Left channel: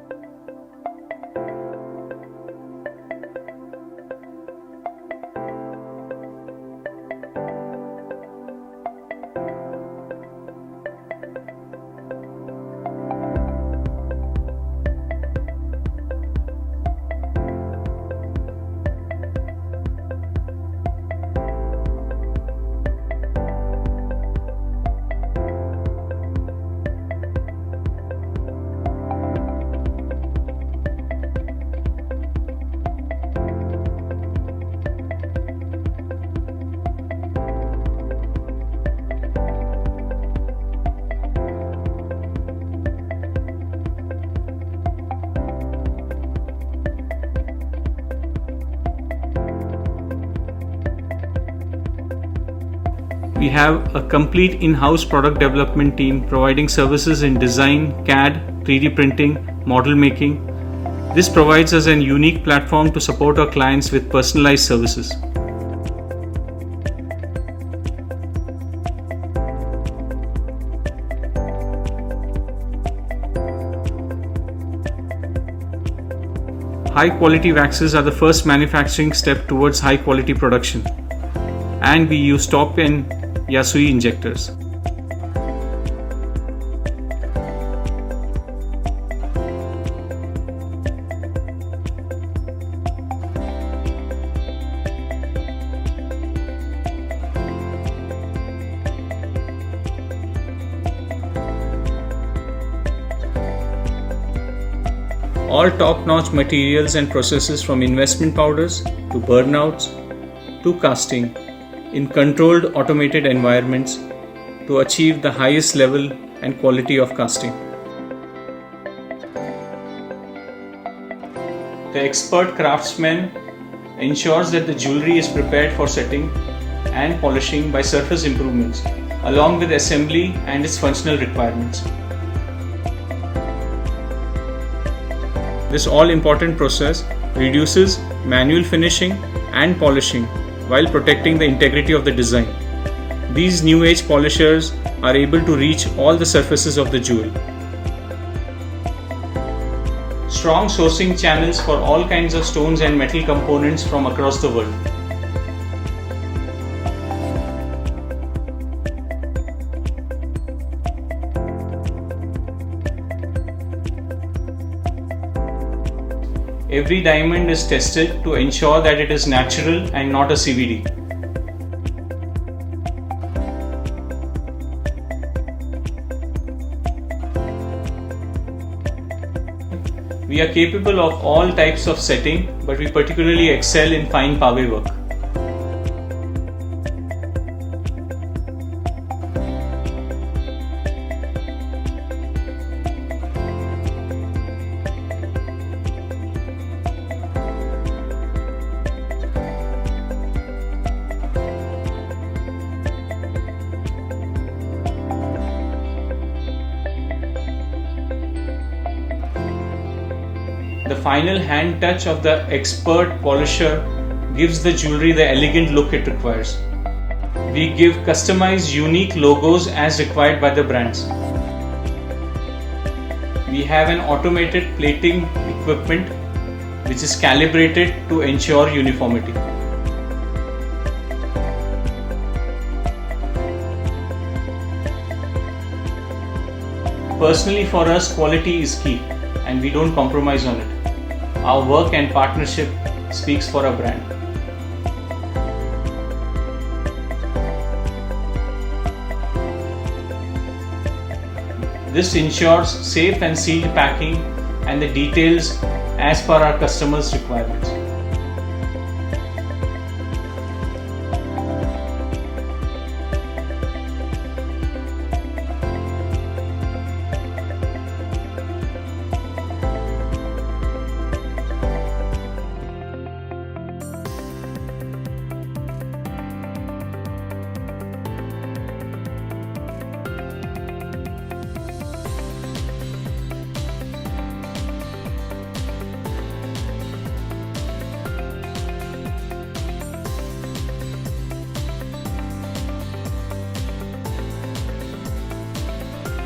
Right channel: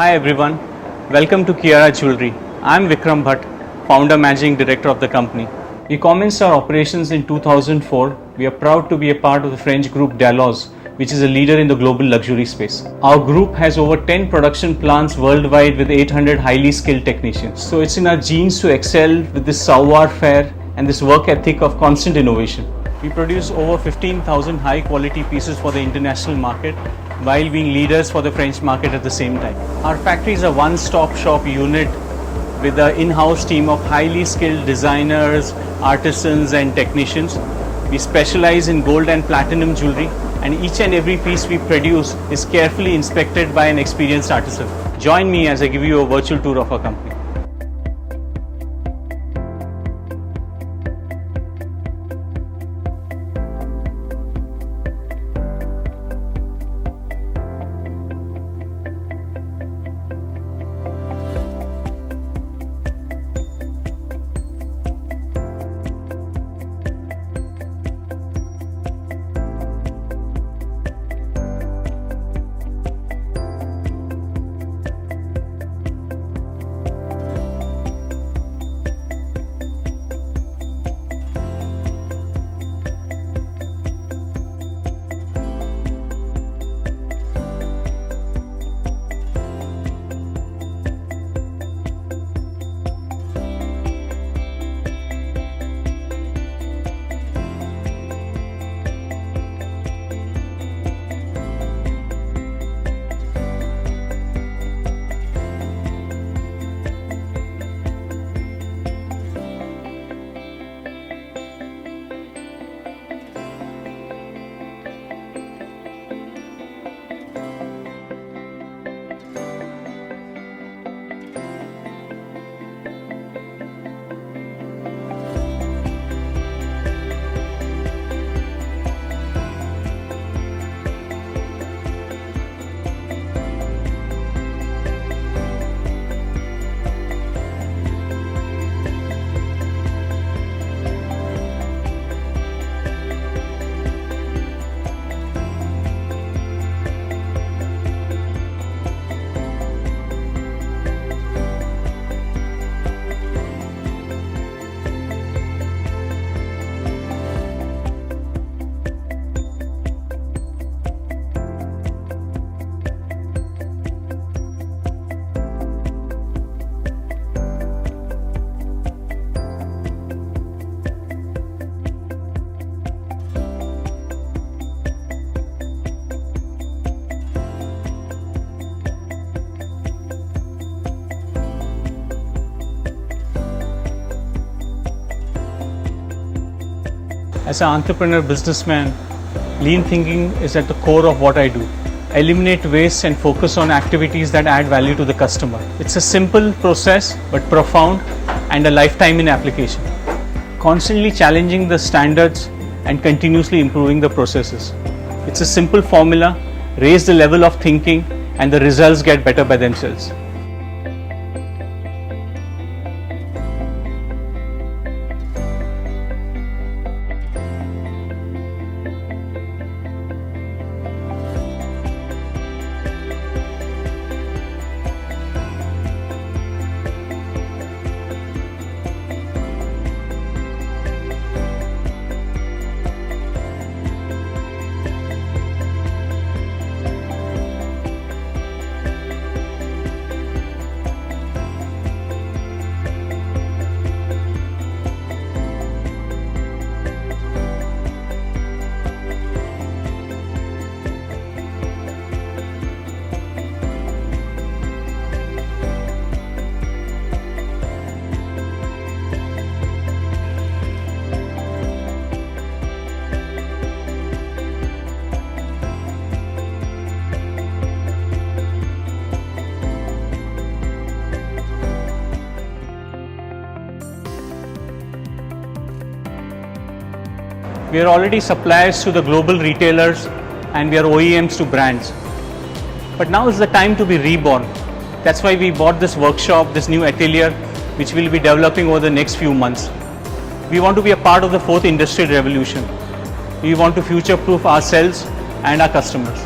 Hi everyone, welcome to Kiara Jewelry. I'm Vikram Bhatt, founder managing director of the company. We commenced our operations in 2004. We are proud to be a part of the French group Dalloz, which is a leader in the global luxury space. Our group has over 10 production plants worldwide with 800 highly skilled technicians. So it's in our genes to excel with this savoir-faire and this work ethic of constant innovation. We produce over 15,000 high quality pieces for the international market while being leaders for the French market at the same time. Our factory is a one-stop shop unit with an in-house team of highly skilled designers, artisans and technicians. We specialize in gold and platinum jewelry, and each and every piece we produce is carefully inspected by an experienced artisan. Join me as I give you a virtual tour of our company. We have a complete in-house product development team providing services in design, CAD, 3D printing, model making. This provides us a unique platform to support our clients with personalized services. High quality waxes are the first manufacturing step towards high quality production, and we use top-end Yasui injectors. All top-notch materials and processes from investment powders to burnouts to casting in controlled automated environments to achieve the highest level and quality of casting. The expert craftsman ensures that the jewelry is prepared for setting and polishing by surface improvements along with assembly and its functional requirements. This all-important process reduces manual finishing and polishing while protecting the integrity of the design. These new age polishers are able to reach all the surfaces of the jewel. Strong sourcing channels for all kinds of stones and metal components from across the world. Every diamond is tested to ensure that it is natural and not a CVD. We are capable of all types of setting, but we particularly excel in fine pavé work. As an entrepreneur businessman, lean thinking is at the core of what I do. Eliminate waste and focus on activities that add value to the customer. It's a simple process but profound and a lifetime in application. Constantly challenging the standards and continuously improving the processes. It's a simple formula, raise the level of thinking and the results get better by themselves. The final hand touch of the expert polisher gives the jewelry the elegant look it requires. We give customized unique logos as required by the brands. We have an automated plating equipment which is calibrated to ensure uniformity. Personally, for us, quality is key and we don't compromise on it. Our work and partnership speaks for our brand. This ensures safe and sealed packing and the details as per our customers' requirements. We are already suppliers to the global retailers and we are OEMs to brands. But now is the time to be reborn. That's why we bought this workshop, this new atelier, which we'll be developing over the next few months. We want to be a part of the fourth industrial revolution. We want to future-proof ourselves and our customers.